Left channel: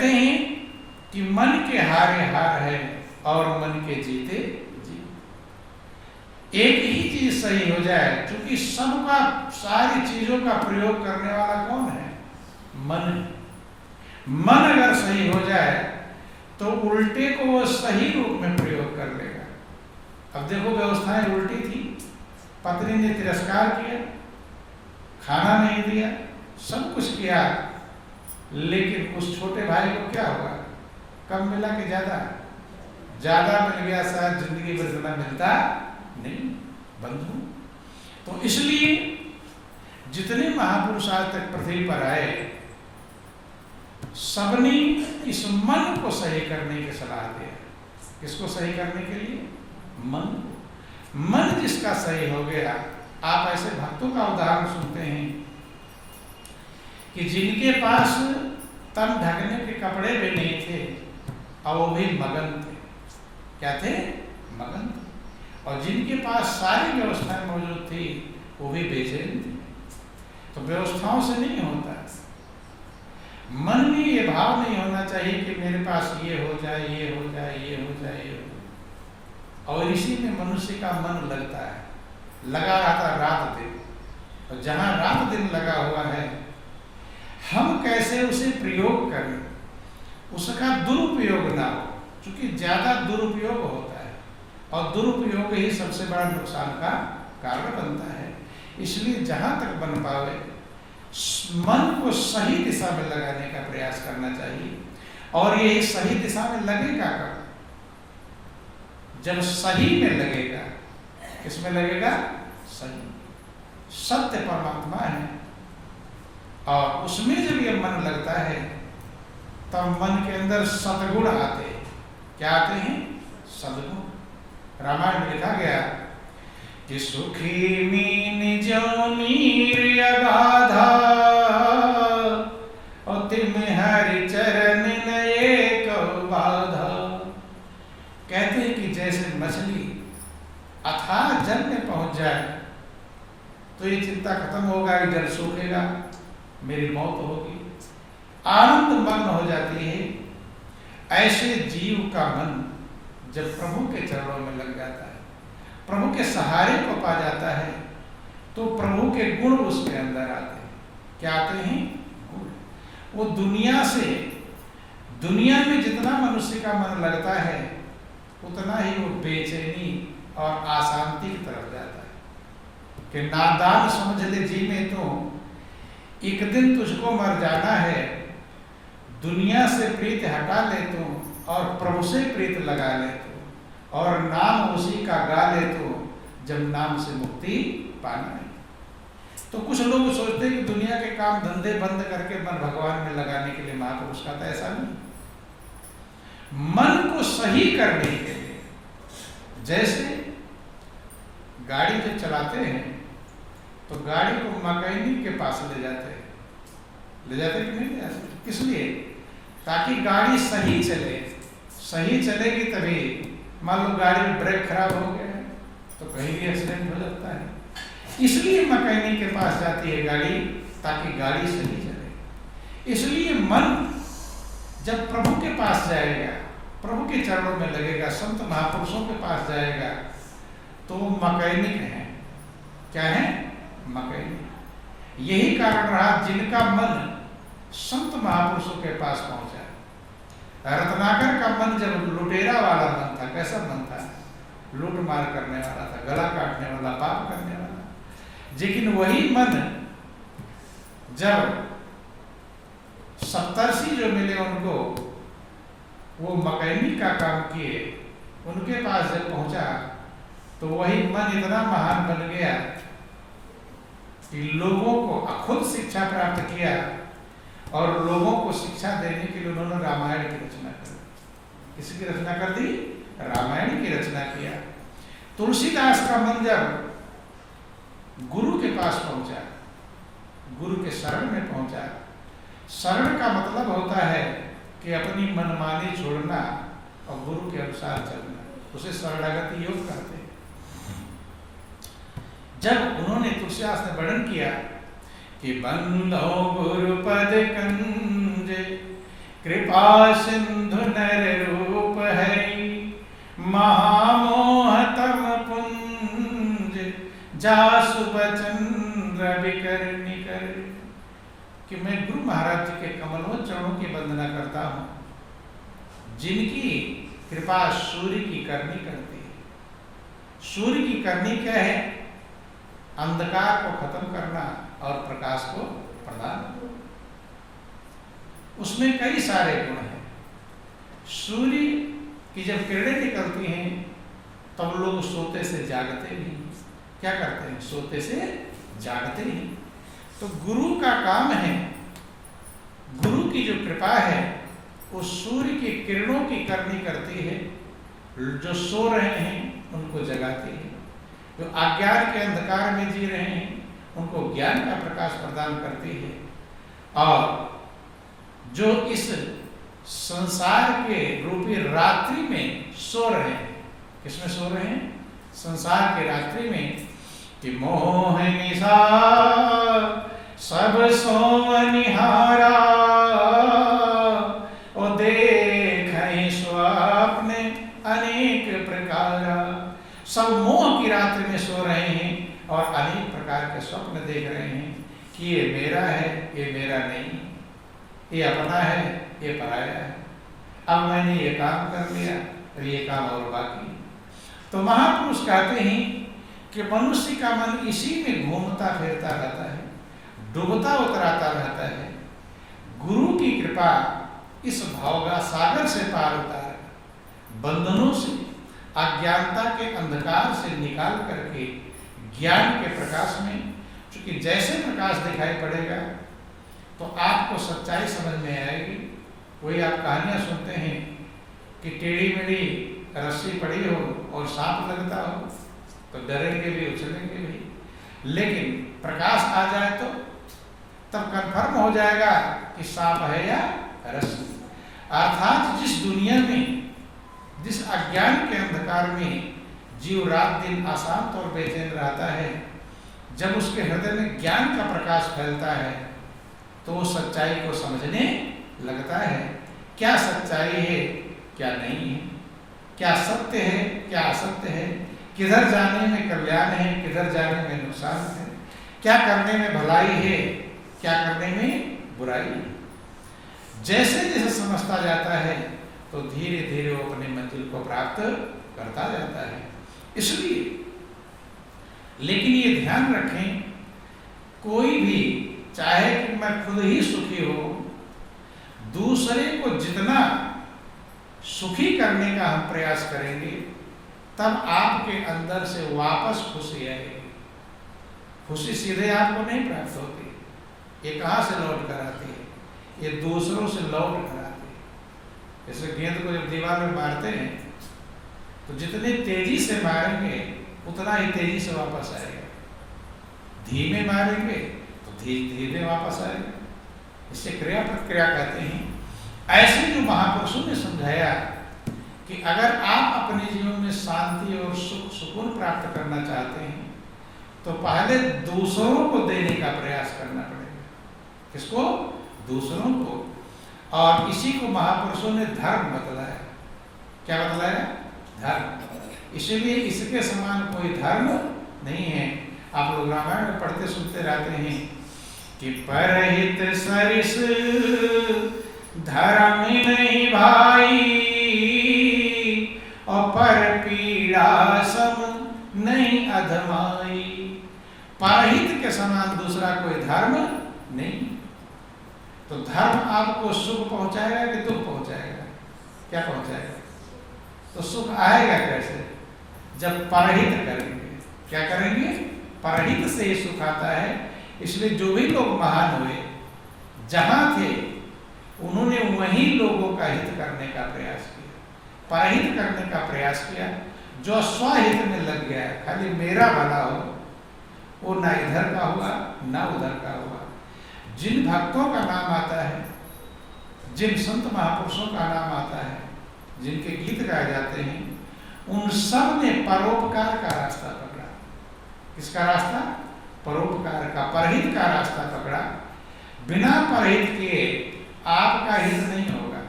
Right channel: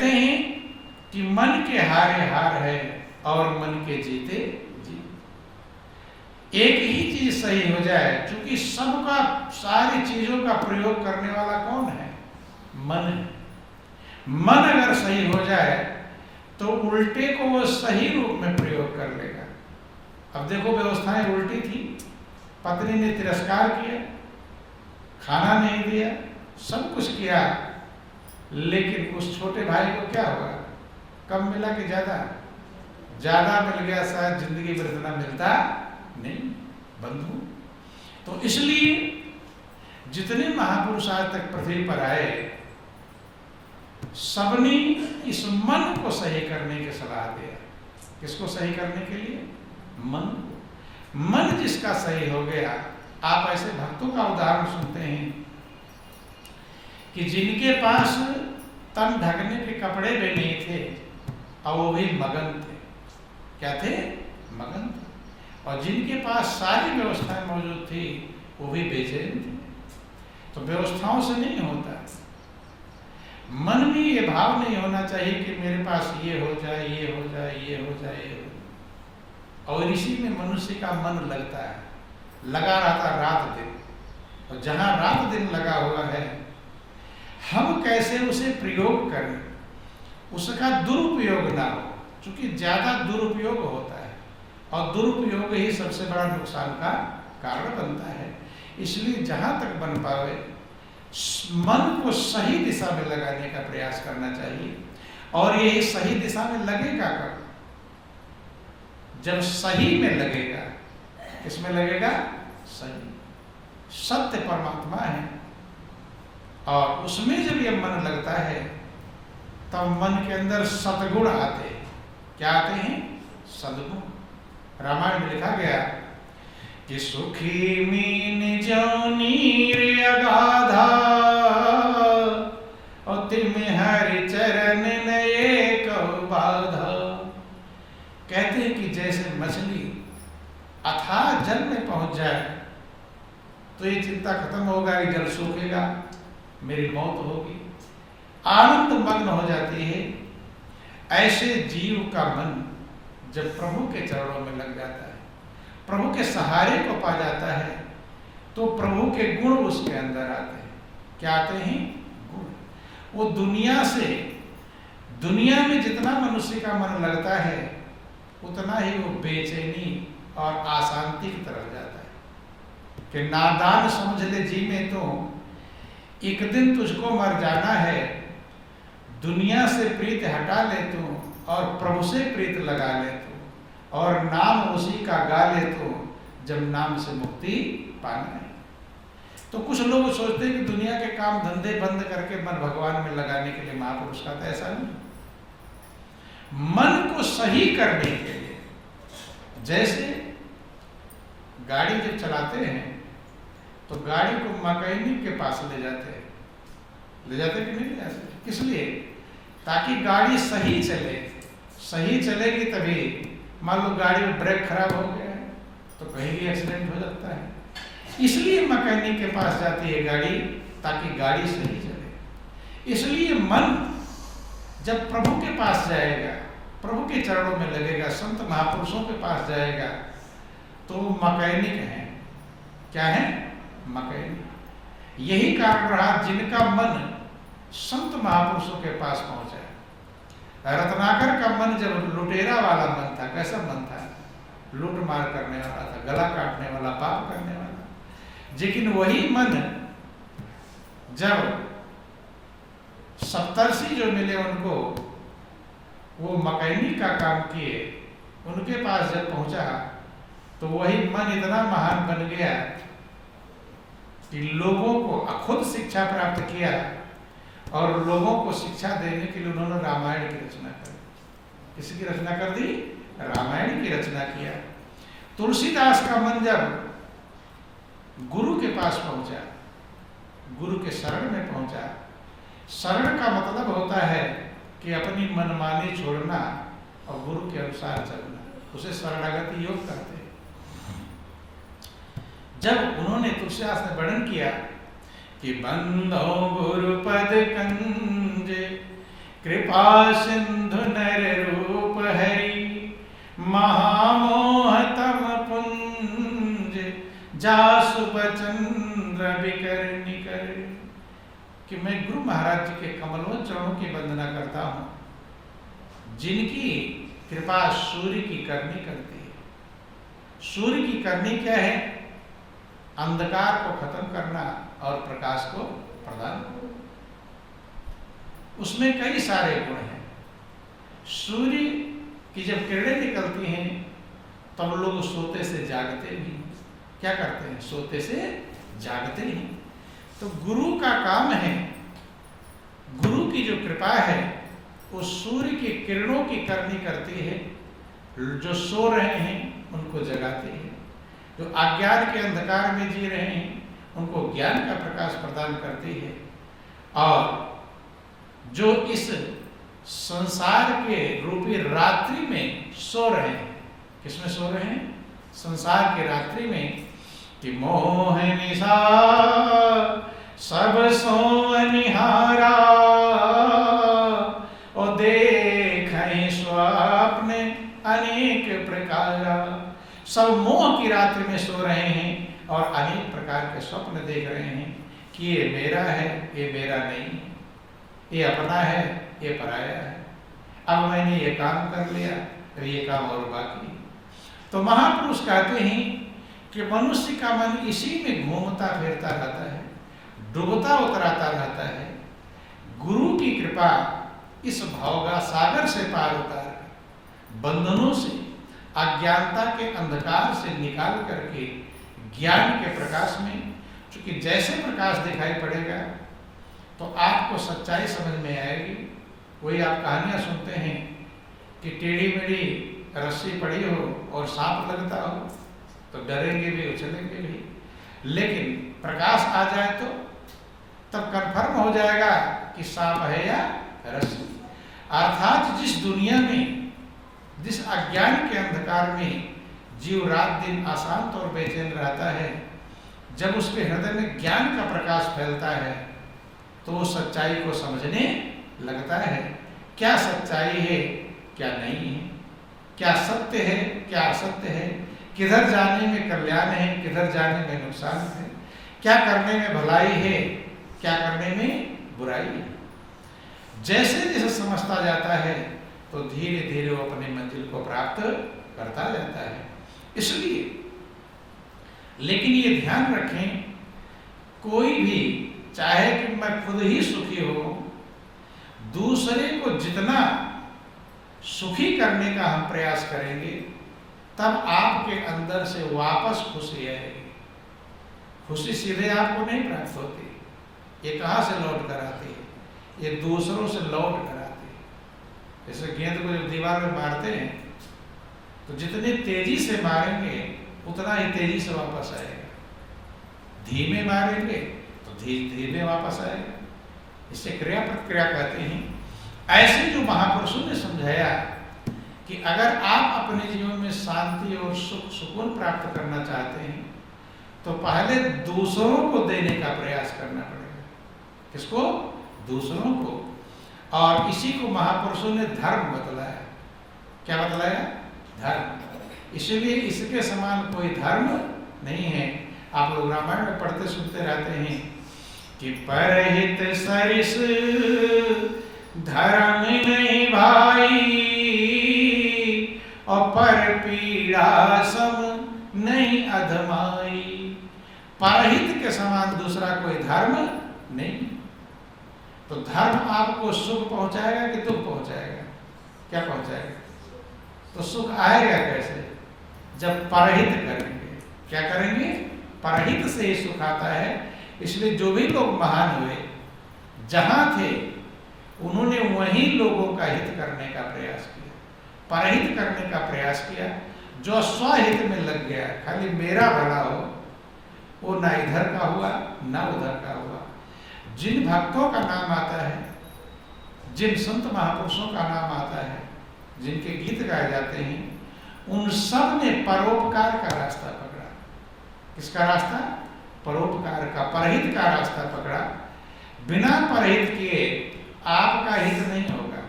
कहते हैं कि मन के हारे हार है और मन के जीते जीत। एक ही चीज सही हो जाए, क्योंकि सबका सारी चीजों का प्रयोग करने वाला कौन है? मन है। मन अगर सही हो जाए तो उल्टे को वो सही रूप में प्रयोग कर लेगा। अब देखो, व्यवस्थाएं उल्टी थी, पत्नी ने तिरस्कार किया, खाना नहीं दिया, सब कुछ किया, लेकिन उस छोटे भाई को क्या हुआ? कम मिला कि ज्यादा? ज्यादा मिल गया, शायद जिंदगी भर इतना मिलता नहीं बंधु। तो इसलिए जितने महापुरुष आज तक पृथ्वी पर आए, सबने इस मन को सही करने की सलाह दिया। किसको सही करने के लिए? मन को। मन जिसका सही हो गया, आप ऐसे भक्तों का उदाहरण सुनते हैं कि जिनके पास तन ढकने के कपड़े भी नहीं थे और वो भी मगन थे। क्या थे? मगन थे। और जिनके पास सारी व्यवस्थाएं मौजूद थी वो भी बेचैन थे। तो व्यवस्थाओं से नहीं होता। मन में ये भाव नहीं होना चाहिए कि मेरे पास ये हो जाए, ये हो जाए, ये हो जाए, ये हो जाए। और इसी में मनुष्य का मन लगता है, लगा रहता रात दिन। और जहां रात दिन लगा हुआ है, हम कैसे उसे प्रयोग करें, उसका दुरुपयोग ना हो, क्योंकि ज्यादा दुरुपयोग होता है और दुरुपयोग ही सबसे बड़ा नुकसान का कारण बनता है। इसलिए जहां तक बन पावे मन को सही दिशा में लगाने का प्रयास करना चाहिए। और ये सही दिशा में लगेगा कब? जब सही में लगेगा। किसमें लगेगा? सही। सत्य परमात्मा है और उसमें जब ये मन लगता है तब मन के अंदर सद्गुण आते हैं। क्या आते हैं? सद्गुण। रामायण में लिखा गया कि सुखी मीन जो नीर अगाधा और तिम हरि चरण नए कौ बाधा। कहते हैं कि जैसे मछली अथाह जल में पहुंच जाए तो ये चिंता खत्म होगा कि जल सूखेगा, मेरी मौत होगी, आनंद मग्न हो जाती है। ऐसे जीव का मन जब प्रभु के चरणों में लग जाता है, प्रभु के सहारे को पा जाता है, तो प्रभु के गुण उसके अंदर आते हैं। क्या आते हैं? गुण। वो दुनिया में जितना मनुष्य का मन लगता है उतना ही वो बेचैनी और अशांति की तरफ जाता है। कि नादान समझ ले जी में तो एक दिन तुझको मर जाना है, दुनिया से प्रीत हटा ले तू और प्रभु से प्रीत लगा ले तू, और नाम उसी का गा ले तो जब नाम से मुक्ति पाना है। तो कुछ लोग सोचते हैं कि दुनिया के काम धंधे बंद करके मन भगवान में लगाने के लिए महापुरुष का, तो ऐसा नहीं। मन को सही करने के लिए, जैसे गाड़ी जब चलाते हैं तो गाड़ी को मैकेनिक के पास ले जाते हैं कि नहीं ले जाते? किस लिए? ताकि गाड़ी सही चले। सही चलेगी तभी। मान लो गाड़ी में ब्रेक खराब हो गया है तो कहीं भी एक्सीडेंट हो जाता है। इसलिए मैकेनिक के पास जाती है गाड़ी, ताकि गाड़ी सही चले। इसलिए मन जब प्रभु के पास जाएगा, प्रभु के चरणों में लगेगा, संत महापुरुषों के पास जाएगा, तो मैकेनिक है। क्या है? मैकेनिक। यही कारण रहा जिनका मन संत महापुरुषों के पास पहुंचा। रत्नाकर का मन जब लुटेरा वाला मन था, कैसा मन था? लूट मार करने वाला था, गला काटने वाला, पाप करने वाला। लेकिन वही मन जब सप्तर्षि जो मिले उनको, वो मैकेनिक का काम किए, उनके पास जब पहुंचा तो वही मन इतना महान बन गया कि लोगों को खुद शिक्षा प्राप्त किया और लोगों को शिक्षा देने के लिए उन्होंने रामायण की रचना कर दी। किसकी रचना कर दी? रामायण की रचना किया। तुलसीदास का मन जब गुरु के पास पहुंचा, गुरु के शरण में पहुंचा। शरण का मतलब होता है कि अपनी मनमानी छोड़ना और गुरु के अनुसार चलना, उसे शरणागति योग कहते हैं। जब उन्होंने तुलसीदास ने वर्णन किया कि बंधो गुरुपद कंजे कृपा सिंधु नर रूप हरि, महामोह तम पुंज, जासु बचन रवि कर निकर। कि मैं गुरु महाराज जी के कमलों चरणों की वंदना करता हूं, जिनकी कृपा सूर्य की करनी करती है। सूर्य की करनी क्या है? अंधकार को खत्म करना और प्रकाश को प्रदान। उसमें कई सारे गुण हैं। सूर्य की जब किरणें निकलती हैं तब लोग सोते से जागते नहीं। क्या करते हैं? सोते से जागते ही। तो गुरु का काम है, गुरु की जो कृपा है वो सूर्य की किरणों की करनी करती है। जो सो रहे हैं उनको जगाती है, जो अज्ञान के अंधकार में जी रहे हैं उनको ज्ञान का प्रकाश प्रदान करती है, और जो इस संसार के रूपी रात्रि में सो रहे हैं, किसमें सो रहे हैं? संसार के रात्रि में। कि मोह निशा सब सो निहारा, और देखें स्वप्न अनेक प्रकारा। सब मोह की रात्रि में सो रहे हैं और अनेक प्रकार के स्वप्न देख रहे हैं कि ये मेरा है, ये मेरा नहीं, ये अपना है, ये पराया है, अब मैंने ये काम कर लिया, अब ये काम और बाकी। तो महापुरुष कहते हैं कि मनुष्य का मन इसी में घूमता फिरता रहता है, डूबता उतराता रहता है। गुरु की कृपा इस भवगा सागर से पार उतार, बंधनों से, अज्ञानता के अंधकार से निकाल करके ज्ञान के प्रकाश में, क्योंकि जैसे प्रकाश दिखाई पड़ेगा तो आपको सच्चाई समझ में आएगी। वही आप कहानियां सुनते हैं कि टेढ़ी मेढ़ी रस्सी पड़ी हो और सांप लगता हो तो डरेंगे भी, उछलेंगे भी, लेकिन प्रकाश आ जाए तो तब कन्फर्म हो जाएगा कि सांप है या रस्सी। अर्थात जिस दुनिया में, जिस अज्ञान के अंधकार में जीव रात दिन अशांत और बेचैन रहता है, जब उसके हृदय में ज्ञान का प्रकाश फैलता है तो वो सच्चाई को समझने लगता है। क्या सच्चाई है, क्या नहीं है, क्या सत्य है, क्या असत्य है, किधर जाने में कल्याण है, किधर जाने में नुकसान है, क्या करने में भलाई है, क्या करने में बुराई है। जैसे जैसे समझता जाता है तो धीरे धीरे वो अपने मंजिल को प्राप्त करता जाता है। इसलिए लेकिन ये ध्यान रखें, कोई भी चाहे कि मैं खुद ही सुखी हो, दूसरे को जितना सुखी करने का हम प्रयास करेंगे तब आपके अंदर से वापस खुशी आएगी। खुशी सीधे आपको नहीं प्राप्त होती, ये कहाँ से लौट कर आती है? ये दूसरों से लौट कर आती है। जैसे गेंद को जब दीवार में मारते हैं तो जितनी तेजी से मारेंगे उतना ही तेजी से वापस आएगा, धीमे मारेंगे तो धीरे धीरे वापस आएगा। इसे क्रिया प्रतिक्रिया कहते हैं। ऐसे जो महापुरुषों ने समझाया कि अगर आप अपने जीवन में शांति और सुख सुकून प्राप्त करना चाहते हैं तो पहले दूसरों को देने का प्रयास करना पड़ेगा। किसको? दूसरों को। और इसी को महापुरुषों ने धर्म बतलाया। क्या बतलाया? धर्म। इसीलिए इसके समान कोई धर्म नहीं है। आप लोग रामायण में पढ़ते सुनते रहते हैं कि परहित सरिस धर्म नहीं भाई, और पर पीड़ा सम नहीं अधमाई। परहित के समान दूसरा कोई धर्म नहीं। तो धर्म आपको सुख पहुंचाएगा कि दुख पहुंचाएगा? क्या पहुंचाएगा? तो सुख आएगा कैसे? जब परहित करेंगे। क्या करेंगे? परहित से ही सुख आता है। इसलिए जो भी लोग महान हुए, जहां थे उन्होंने वहीं लोगों का हित करने का प्रयास किया, परहित करने का प्रयास किया। जो स्वहित में लग गया, खाली मेरा भला हो, वो ना इधर का हुआ ना उधर का हुआ। जिन भक्तों का नाम आता है, जिन संत महापुरुषों का नाम आता है, जिनके गीत गाए जाते हैं, उन सब ने परोपकार का रास्ता पकड़ा। किसका रास्ता? परोपकार का, परहित का रास्ता पकड़ा। बिना परहित के आपका हित नहीं होगा।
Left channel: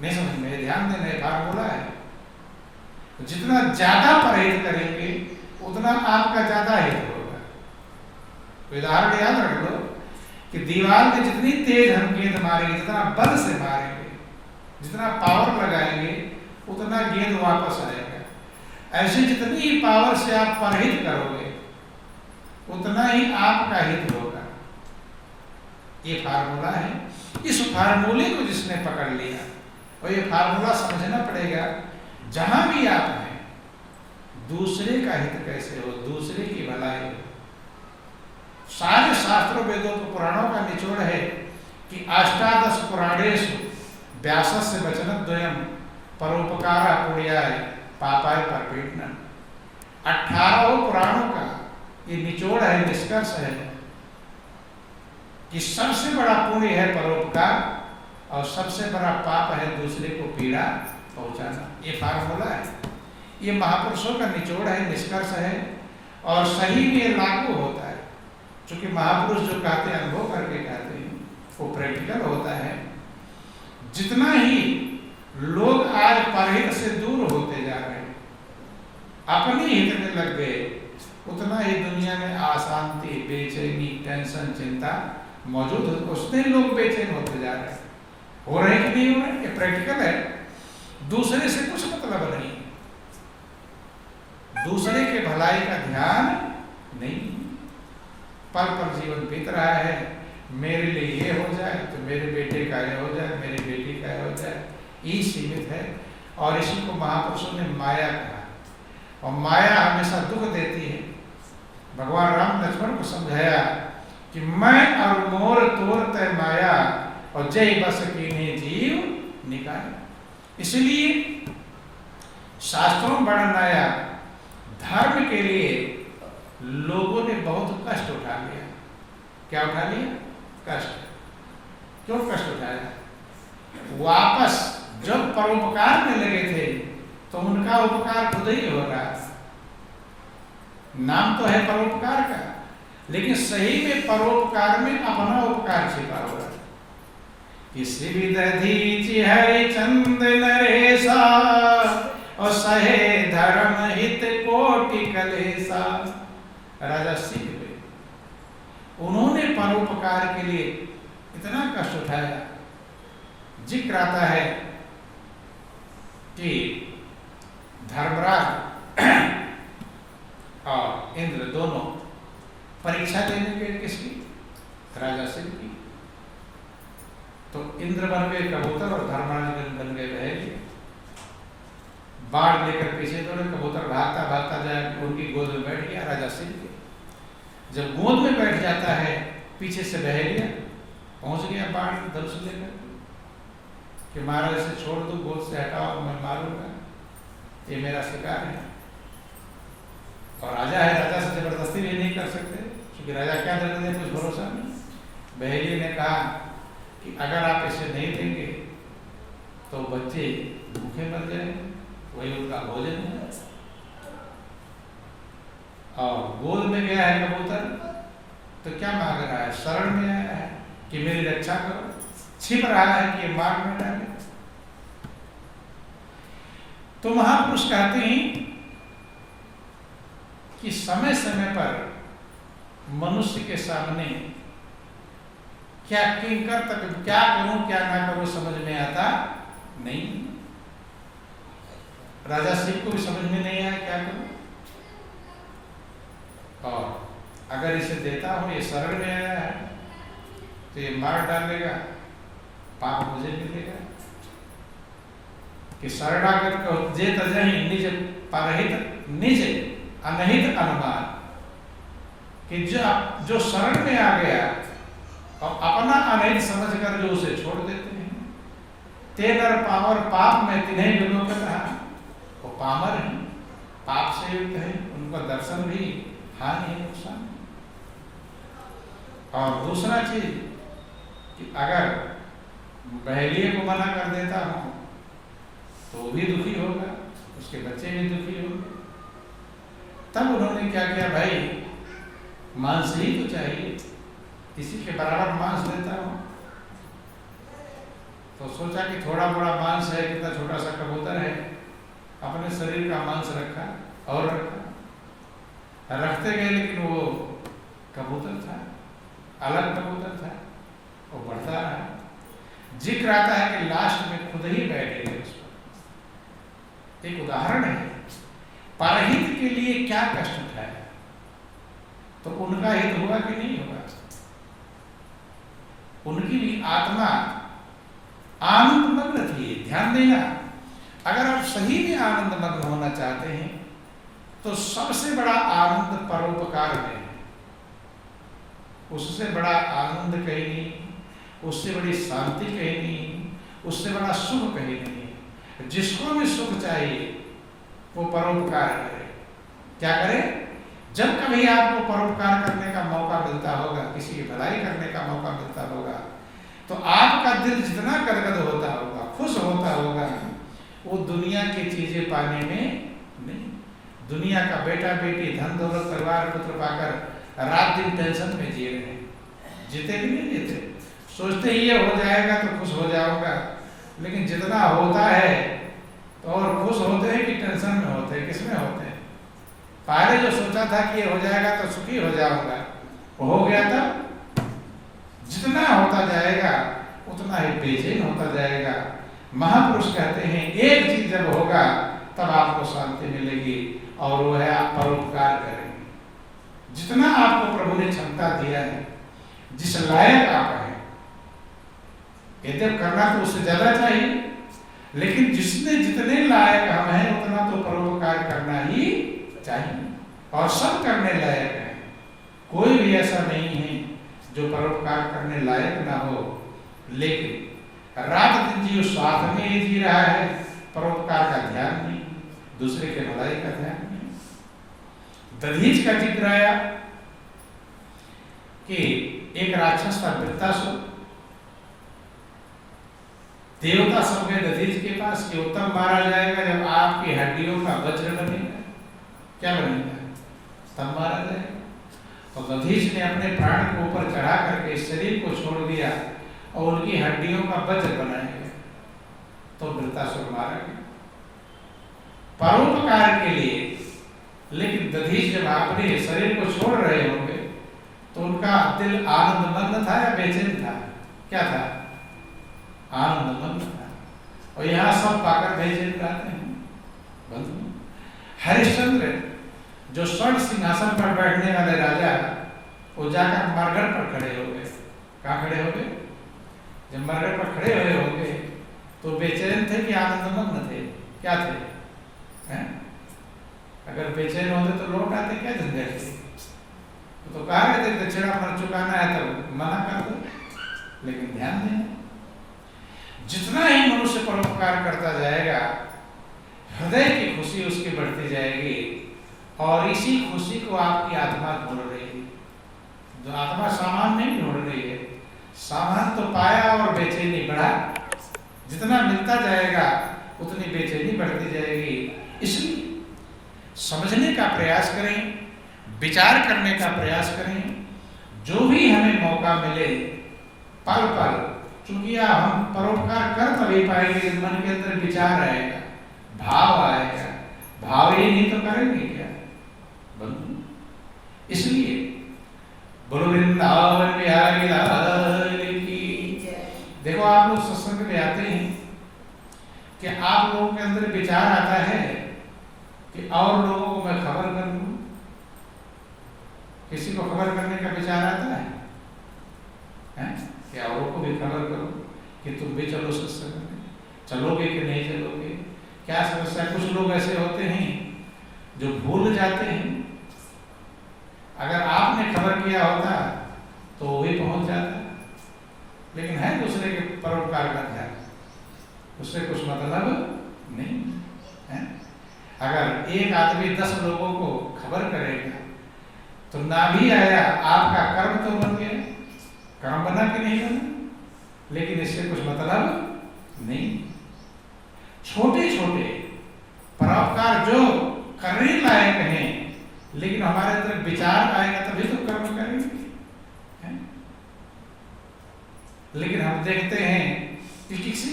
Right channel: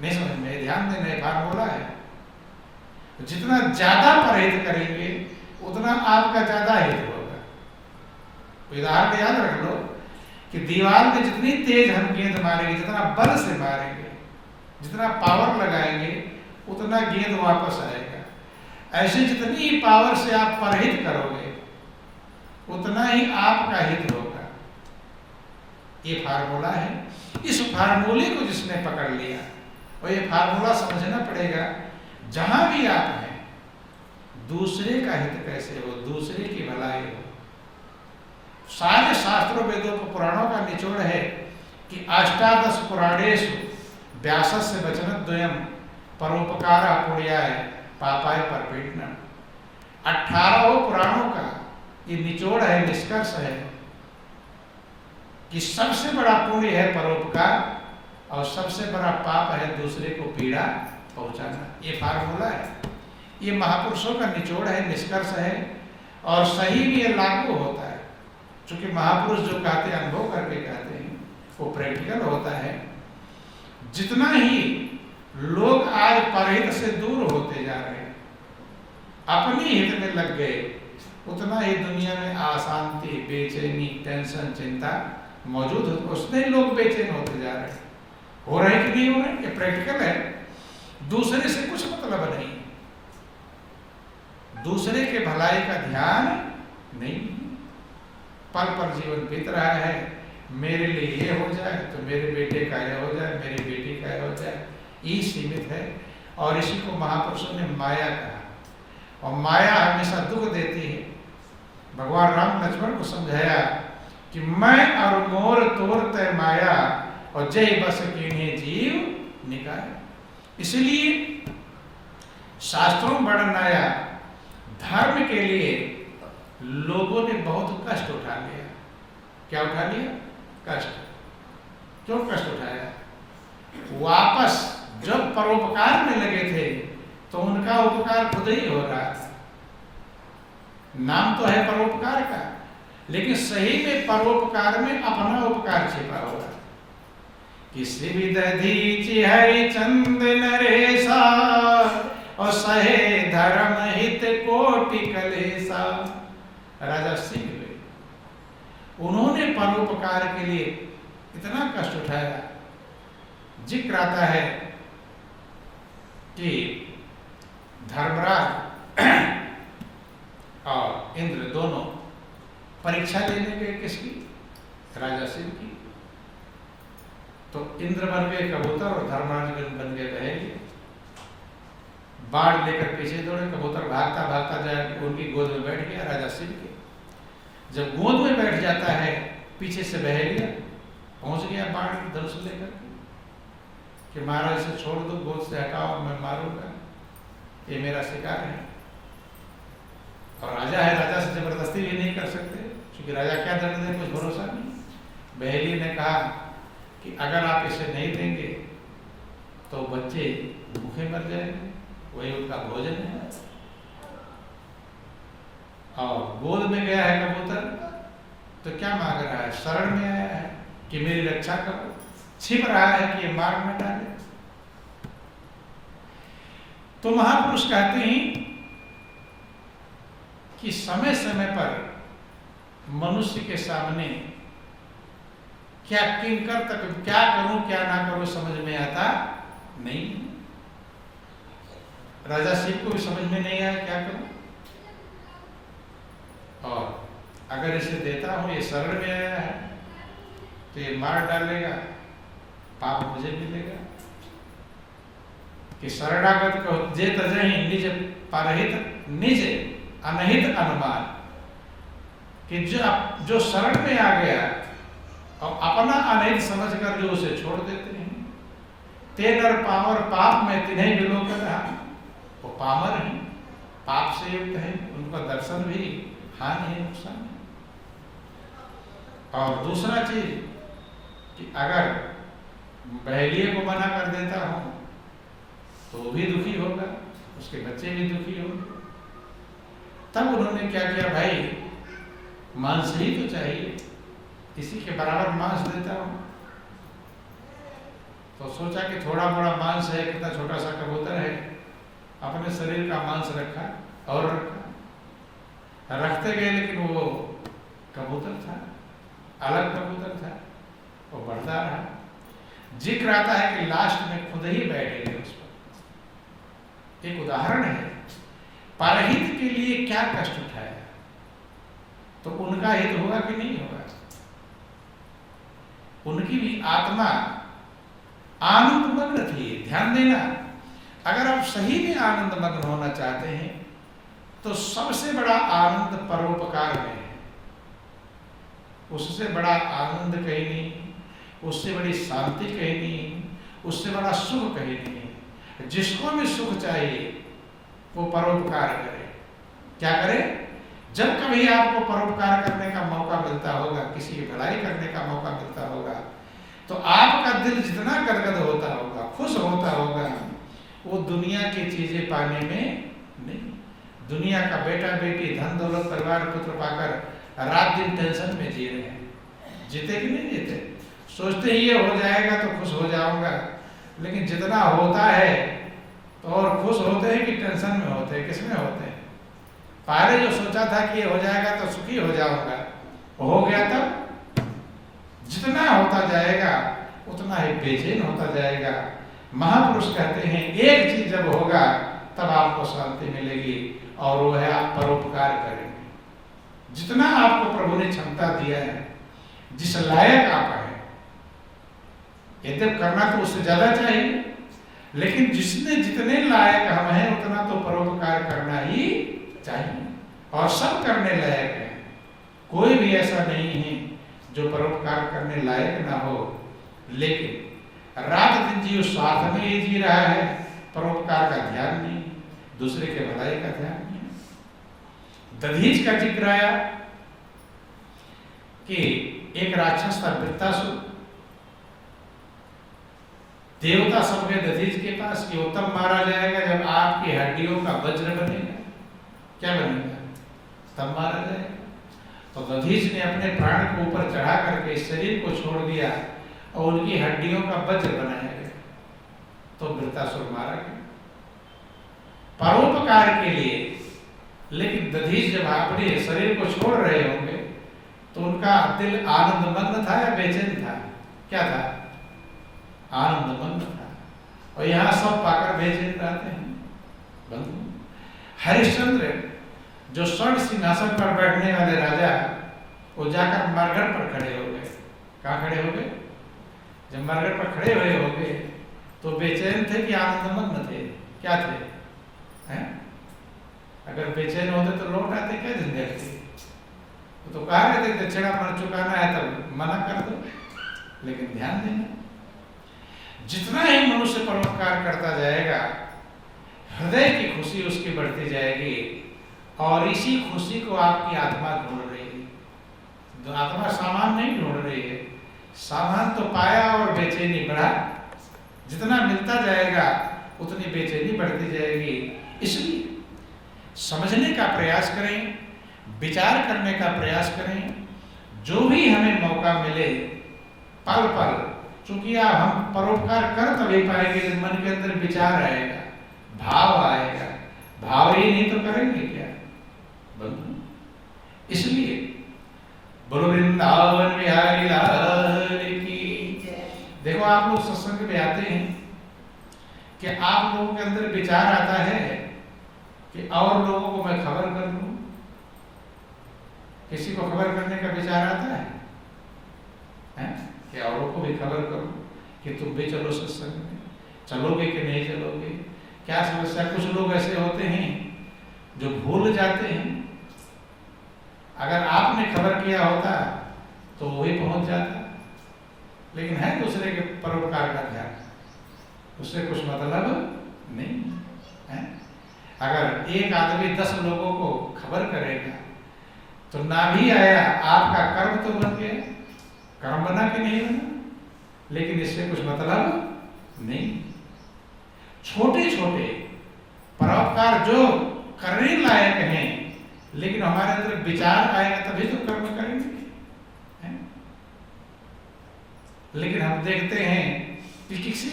नहीं समझ में, ध्यान देना, फार्मूला है। तो जितना ज्यादा परहेज करेंगे उतना आपका ज्यादा हित होगा। उदाहरण याद रख लो कि दीवार में जितनी तेज हम गेंद मारेंगे, जितना बल से मारेंगे, जितना पावर लगाएंगे, उतना गेंद वापस आएगा। ऐसे जितनी ही पावर से आप परहेज करोगे उतना ही आपका हित होगा। ये फार्मूला है। इस फार्मूले को जिसने पकड़ लिया, और ये फार्मूला समझना पड़ेगा, जहां भी आप हैं, दूसरे का हित कैसे हो, दूसरे की भलाई हो। सारे शास्त्रों, वेदों को, पुराणों का निचोड़ है कि अष्टादश पुराणेषु व्यासस्य वचनद्वयम् परोपकारः पुण्याय पापाय परपीडनम्। 18 पुराणों का ये निचोड़ है, निष्कर्ष है कि सबसे बड़ा पुण्य है परोपकार और सबसे बड़ा पाप है दूसरे को पीड़ा पहुंचाना। ये फार्मूला है, ये महापुरुषों का निचोड़ है, निष्कर्ष है, और सही में ये लागू होता है। क्योंकि महापुरुष जो कहते हैं, अनुभव करके कहते हैं, वो प्रैक्टिकल होता है। जितना ही लोग आज परहित से दूर होते जा रहे हैं, अपने हित में लग गए, उतना ही दुनिया में अशांति, बेचैनी, टेंशन, चिंता मौजूद है। उससे लोग बेचैन होते जा रहे हैं। हो रहे कि नहीं हो रहे, ये प्रैक्टिकल है। दूसरे से कुछ मतलब नहीं, दूसरे के भलाई का ध्यान नहीं, पल पल जीवन बीत रहा है, मेरे लिए ये हो जाए तो मेरे बेटे का ये हो जाए, मेरी बेटी का ये हो जाए, ये सीमित है। और इसी को महापुरुषों ने माया कहा, और माया हमेशा दुख देती है। भगवान राम लक्ष्मण को समझाया कि मैं और मोर तोर तय माया, और जय बस कीन्हे जीव निकाया। इसलिए शास्त्रों में वर्णन आया, धर्म के लिए लोगों ने बहुत कष्ट उठा लिया। क्या उठा लिया? कष्ट। क्यों कष्ट उठाया? वापस जब परोपकार में लगे थे तो उनका उपकार खुद ही हो रहा। नाम तो है परोपकार का, लेकिन सही में परोपकार में अपना उपकार छिपा हुआ है। किसी भी दधीचि है चंद नरेशा, और सहे धर्म हित कोटि कलेसा। राजा सिंह हुए, उन्होंने परोपकार के लिए इतना कष्ट उठाया। जिक्र आता है कि धर्मराज और इंद्र दोनों परीक्षा लेने गए, किसकी? राजा सिंह की। तो इंद्र बन गए कबूतर और धर्मराज बन गए बहेलिया। बाढ़ लेकर पीछे दौड़े, कबूतर भागता भागता जाए उनकी गोद में बैठ गया, राजा सिंह के। जब गोद में बैठ जाता है, पीछे से बहेलिया पहुंच गया बाढ़ धनुष लेकर कि महाराज इसे छोड़ दो, गोद से हटाओ, मैं मारूंगा, ये मेरा शिकार है। और राजा है, राजा से जबरदस्ती भी नहीं कर सकते, क्योंकि राजा क्या दंड दें, कुछ भरोसा नहीं। बहेली ने कहा कि अगर आप इसे नहीं देंगे तो बच्चे भूखे मर जाएंगे, वही उनका भोजन है। और गोद में गया है कबूतर, तो क्या मांग रहा है? शरण में आया है कि मेरी रक्षा करो, छिप रहा है कि ये मार न डाले। तो महापुरुष कहते हैं कि समय समय पर मनुष्य के सामने क्या किंकर तक, क्या करूं क्या ना करूं समझ में आता नहीं। राजा शिव को भी समझ में नहीं आया क्या करूं, और अगर इसे देता हूं, ये शरण में आया है तो ये मार डालेगा, पाप मुझे मिलेगा। कि शरणागत को जे तजहि निज परहित निज अनहित अनुमान, कि जो शरण में आ गया और अपना अनहित समझकर जो उसे छोड़ देते हैं, ते नर पामर पाप में तिन्हें बिलो के रहा, वो पामर है, पाप से युक्त है, उनका दर्शन भी हानि है, नुकसान। और दूसरा चीज कि अगर बहेलिए को मना कर देता हूं तो भी दुखी होगा, उसके बच्चे भी दुखी होंगे। तब उन्होंने क्या किया, भाई मांस ही तो चाहिए, इसी के बराबर मांस देता हूं। तो सोचा कि थोड़ा बड़ा मांस है, कितना छोटा सा कबूतर है, अपने शरीर का मांस रखा और रखा, रखते गए, लेकिन वो कबूतर था, अलग कबूतर था, वो बढ़ता रहा। जिक्र आता है कि लास्ट में खुद ही बैठ गए उस पर। एक उदाहरण है, परहित के लिए क्या कष्ट उठाया, तो उनका हित होगा कि नहीं होगा? उनकी भी आत्मा आनंद मग्न थी। ध्यान देना, अगर आप सही में आनंद मग्न होना चाहते हैं तो सबसे बड़ा आनंद परोपकार में है। उससे बड़ा आनंद कहीं नहीं, उससे बड़ी शांति कहीं नहीं, उससे बड़ा सुख कहीं नहीं। जिसको भी सुख चाहिए वो परोपकार करे। क्या करे? जब कभी आपको परोपकार करने का मौका मिलता होगा, किसी की भलाई करने का मौका मिलता होगा, तो आपका दिल जितना गदगद होता होगा, खुश होता होगा, वो दुनिया की चीजें पाने में नहीं। दुनिया का बेटा बेटी, धन दौलत, परिवार, पुत्र पाकर रात दिन टेंशन में जी रहे हैं। जीते कि नहीं जीते? सोचते ही ये हो जाएगा तो खुश हो जाऊंगा, लेकिन जितना होता है तो और खुश होते हैं कि टेंशन में होते हैं? किसमें होते हैं? पहले जो सोचा था कि ये हो जाएगा तो सुखी हो जाऊंगा, हो गया तब जितना होता जाएगा उतना ही बेचैन होता जाएगा। महापुरुष कहते हैं एक चीज जब होगा तब आपको शांति मिलेगी, और वो है आप परोपकार करेंगे। जितना आपको प्रभु ने क्षमता दिया है, जिस लायक आप हैं, यदि करना तो उससे ज्यादा चाहिए, लेकिन जिसने जितने लायक हम हैं उतना तो परोपकार करना ही चाहिए। और सब करने लायक है, कोई भी ऐसा नहीं है जो परोपकार करने लायक ना हो, लेकिन रात दिन जी उस स्वार्थ में ही जी रहा है, परोपकार का ध्यान नहीं, दूसरे के भलाई का ध्यान नहीं। दधीच का जिक्र आया कि एक राक्षस था वृत्तासुर, देवता सब गए दधीच के पास कि वो तब मारा जाएगा जब आपकी हड्डियों का वज्र बनेगा। क्या बनेगा? तब मारा जाएगा। तो दधीच ने अपने प्राण को ऊपर चढ़ा करके शरीर को छोड़ दिया और उनकी हड्डियों का वज्र बनाया गया, तो वृत्तासुर मारा गया परोपकार के लिए। लेकिन दधीच जब अपने शरीर को छोड़ रहे होंगे तो उनका दिल आनंद मग्न था या बेचैन था? क्या था? आनंद मग्न था। और यहाँ सब पाकर बेचैन रहते हैं। बंधु, हरिश्चंद्र जो स्वर्ण सिंहासन पर बैठने वाले राजा, वो जाकर मरघट पर खड़े हो गए। कहाँ खड़े हो गए? जब मरघट पर खड़े हुए हो गए तो बेचैन थे कि आनंदमग्न थे? क्या थे? हैं? अगर बेचैन होते तो लौट आते, क्या झंझट थी? तो कहा रहे थे दक्षिणा पर चुकाना है तब मना कर दो। लेकिन ध्यान देना, जितना ही मनुष्य परोपकार करता जाएगा, हृदय की खुशी उसकी बढ़ती जाएगी, और इसी खुशी को आपकी आत्मा ढूंढ रही है। जो आत्मा सामान नहीं ढूंढ रही है, सामान तो पाया और बेचैनी बढ़ा। जितना मिलता जाएगा उतनी बेचैनी बढ़ती जाएगी। इसलिए समझने का प्रयास करें, विचार करने का प्रयास करें। जो भी हमें मौका मिले पल पल, चूंकि हम परोपकार कर तभी पाएंगे जब मन के अंदर विचार आएगा, भाव आएगा। भाव ही नहीं तो करेंगे क्या बंधु? इसलिए बोलो वृंदावन बिहारी लाल की। देखो आप लोग सत्संग में आते हैं कि आप लोगों के अंदर विचार आता है कि और लोगों को मैं खबर कर दूं। किसी को खबर करने का विचार आता है, कि औरों को भी खबर करो कि तुम भी चलो सत्संग में। चलोगे कि नहीं चलोगे? क्या समस्या? कुछ लोग ऐसे होते हैं जो भूल जाते हैं। अगर आपने खबर किया होता तो वो भी पहुंच जाता, लेकिन है दूसरे के परोपकार का ध्यान, उससे कुछ मतलब नहीं है। अगर एक आदमी 10 लोगों को खबर करेगा तो ना भी आया, आपका कर्म तो बन गया। कर्म बना कि नहीं बना? लेकिन इससे कुछ मतलब नहीं। छोटे छोटे परोपकार जो करने लायक हैं, लेकिन हमारे अंदर विचार आएगा तभी तो कर्म करेंगे, है? लेकिन हम देखते हैं कि किसी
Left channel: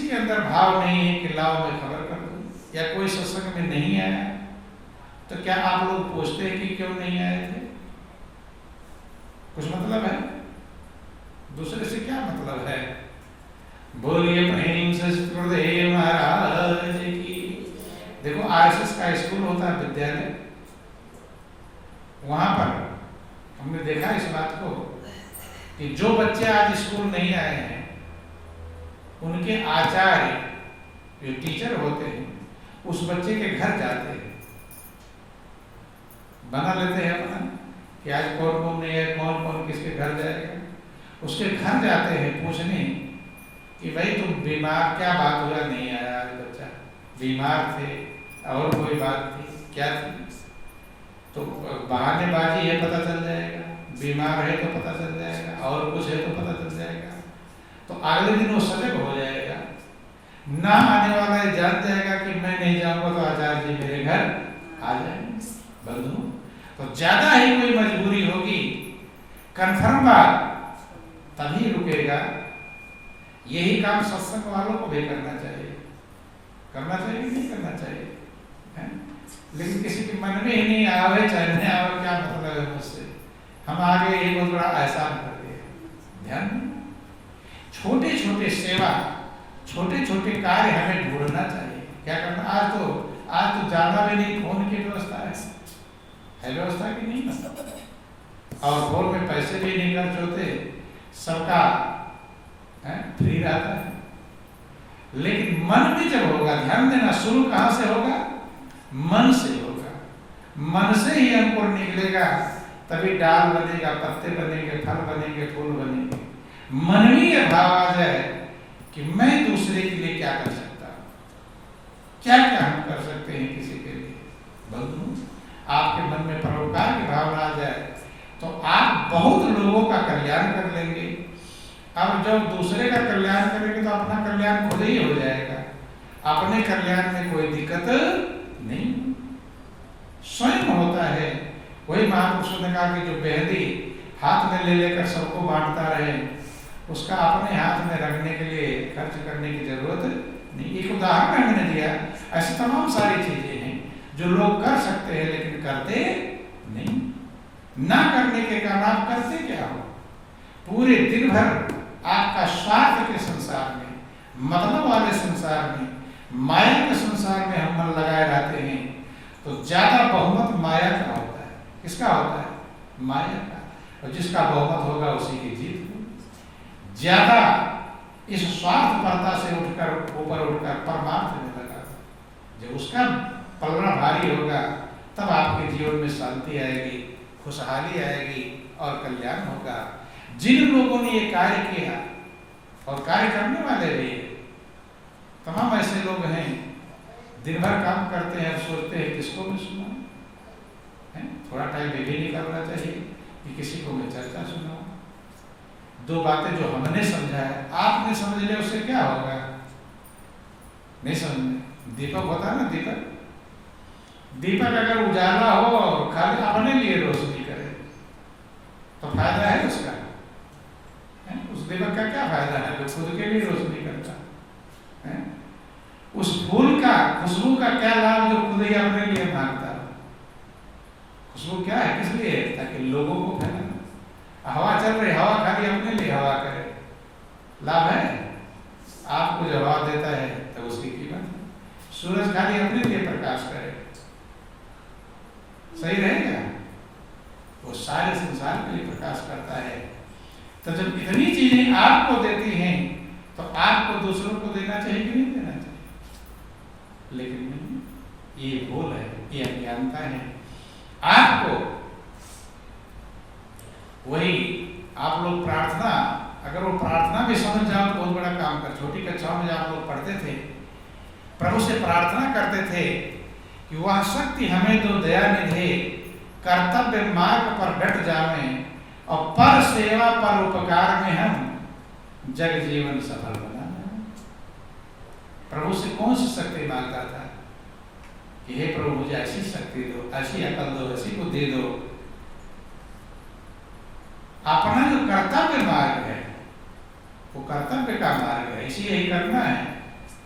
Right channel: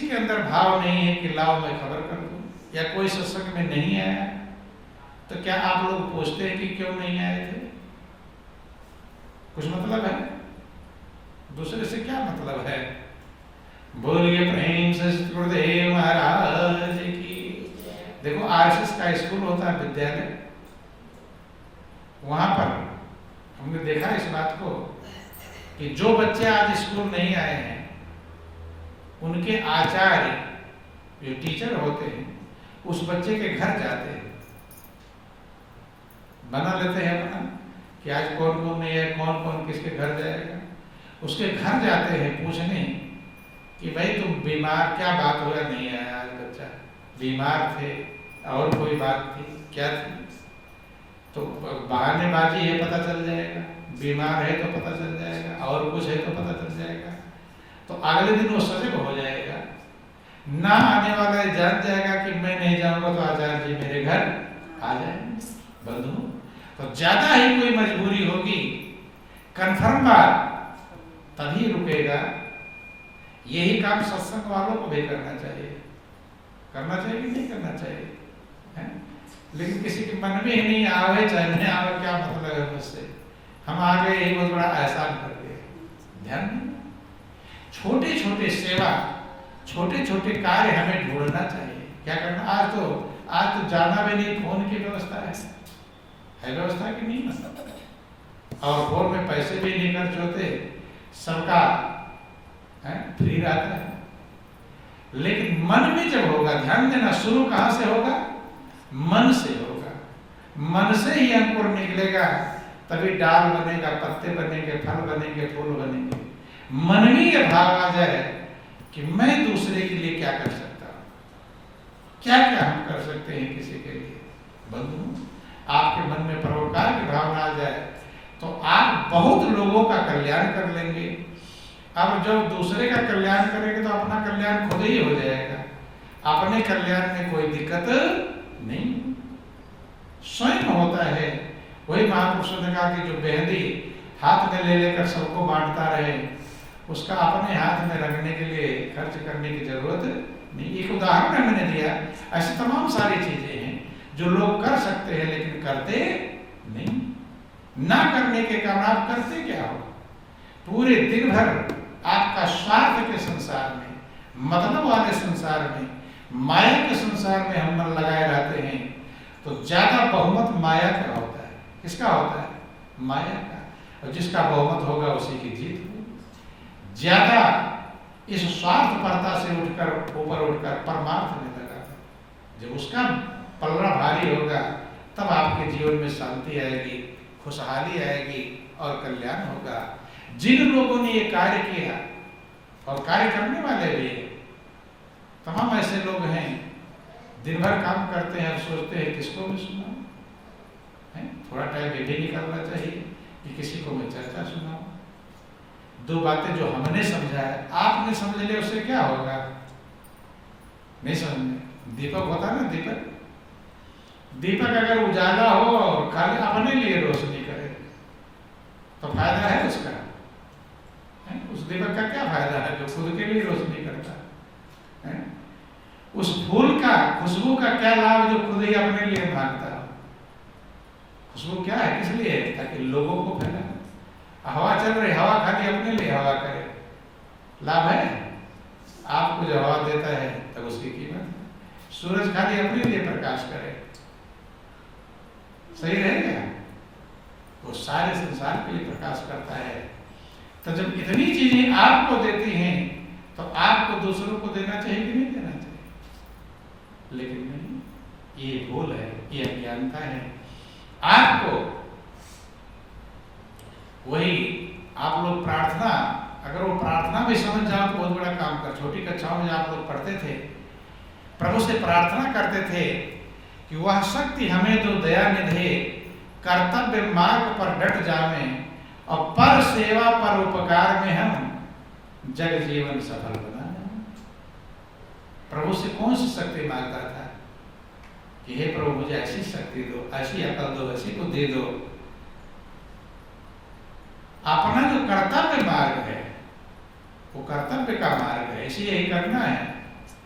के अंदर भाव नहीं है कि लाओ मैं खबर कर दूं, या कोई सत्संग में नहीं आया, तो क्या आप लोग पूछते हैं कि क्यों नहीं आए थे? कुछ मतलब है? दूसरे से क्या मतलब है? बोलिए प्रेम से गुरुदेव महाराज की। देखो आरएसएस का स्कूल होता है, विद्यालय, वहां पर हमने देखा इस बात को कि जो बच्चे आज स्कूल नहीं आए हैं, उनके आचार्य जो टीचर होते हैं उस बच्चे के घर जाते हैं, बना लेते हैं अपना कि आज कौन कौन नहीं है, कौन कौन किसके घर जाएगा। उसके घर जाते हैं पूछने कि भाई तुम बीमार, क्या बात हुआ नहीं आया आज बच्चा? बीमार थे और कोई बात थी, क्या थी? तो बहानेबाजी है पता चल जाएगा, बीमार है तो पता चल जाएगा, और कुछ है तो पता चल जाएगा। तो अगले दिन वो सजग हो जाएगा, ना आने वाला है जान जाएगा कि मैं नहीं जाऊंगा तो आचार्य जी मेरे घर आ जाएंगे। बंधु, तो ज्यादा ही कोई मजबूरी होगी, कन्फर्म बात, तभी रुकेगा। यही काम सत्संग वालों को भी करना चाहिए। करना चाहिए कि नहीं करना चाहिए है? लेकिन किसी के मन में ही नहीं आवे, चलने आवे, क्या मतलब है मुझसे? हम आगे ये बहुत बड़ा एहसान कर दिया। ध्यान दें, छोटे छोटे सेवा, छोटे छोटे कार्य हमें ढूंढना चाहिए। क्या करना? आज तो जाना भी नहीं, फोन की व्यवस्था है व्यवस्था की नहीं, और फोन में पैसे भी नहीं खर्च होते, सबका फ्री रहता है। लेकिन मन में जब होगा, ध्यान देना, शुरू कहां से होगा? मन से होगा। मन से ही अंकुर निकलेगा, तभी डाल बनेगा, पत्ते बनेंगे, फल बनेंगे, फूल बनेंगे। मन में यह भाव आ जाए कि मैं दूसरे के लिए क्या कर सकता हूं, क्या क्या हम कर सकते हैं किसी के लिए। बंधु, आपके मन में परोपकार की भावना आ जाए तो आप बहुत लोगों का कल्याण कर लेंगे। अब जब दूसरे का कल्याण करेंगे तो अपना कल्याण खुद ही हो जाएगा। अपने कल्याण में कोई दिक्कत नहीं, स्वयं होता है। वही महापुरुषों ने कहा कि जो मेहंदी हाथ में ले लेकर सबको बांटता रहे, उसका अपने हाथ में रखने के लिए खर्च करने की जरूरत नहीं। एक उदाहरण मैंने दिया, ऐसी तमाम सारी चीजें हैं जो लोग कर सकते हैं लेकिन करते नहीं। ना करने के कारण आप करते क्या हो? पूरे दिन भर आपका स्वार्थ के संसार में, मतलब वाले संसार में, माया के संसार में हम मन लगाए रहते हैं। तो ज्यादा बहुमत माया का होता है। किसका होता है? माया का। और जिसका बहुमत होगा उसी की जीत होगी। ज्यादा इस स्वार्थपरता से ऊपर उठकर परमार्थ में लगा, जब उसका पलड़ा भारी होगा तब आपके जीवन में शांति आएगी, खुशहाली आएगी और कल्याण होगा। जिन लोगों ने ये कार्य किया और कार्य करने वाले भी तमाम ऐसे लोग हैं, दिन भर काम करते हैं और सोचते हैं किसको भी सुनाऊं, थोड़ा टाइम ये भी निकालना चाहिए कि किसी को मैं चर्चा सुनाऊं। दो बातें जो हमने समझा है आपने समझ लिया, उससे क्या होगा? नहीं समझ। दीपक होता है ना, दीपक अगर उजाला हो और खाली अपने लिए रोशनी करे तो फायदा है उसका? उस दीपक का क्या फायदा है जो खुद के लिए रोशनी करता है? उस फूल का, खुशबू का क्या लाभ जो खुद ही अपने लिए भागता है? खुशबू क्या है, किस लिए? ताकि लोगों को फैलाना। हवा चल रही, हवा खाली अपने लिए हवा करे, लाभ है? आपको जो हवा देता है तब उसकी कीमत है। सूरज खाली अपने लिए प्रकाश करे, सही रहेगा? वो सारे संसार के लिए प्रकाश करता है। तो जब इतनी चीजें आपको देती हैं तो आपको दूसरों को देना चाहिए कि नहीं देना चाहिए? लेकिन नहीं, ये भूल है, ये अज्ञानता है। आपको वही आप लोग प्रार्थना, अगर वो प्रार्थना भी समझ जाओ तो बहुत बड़ा काम कर। छोटी कक्षाओं में आप लोग पढ़ते थे, प्रभु से प्रार्थना करते थे कि वह शक्ति हमें तो दया निधे, कर्तव्य मार्ग पर डट जावे और पर सेवा पर उपकार में हम जग जीवन सफल बना जाए। प्रभु से कौन सी शक्ति मांगता था कि हे प्रभु मुझे ऐसी शक्ति दो, ऐसी अकल दो, ऐसी बुद्धि दो। अपना जो कर्तव्य मार्ग है वो कर्तव्य का मार्ग है, इसी यही करना है।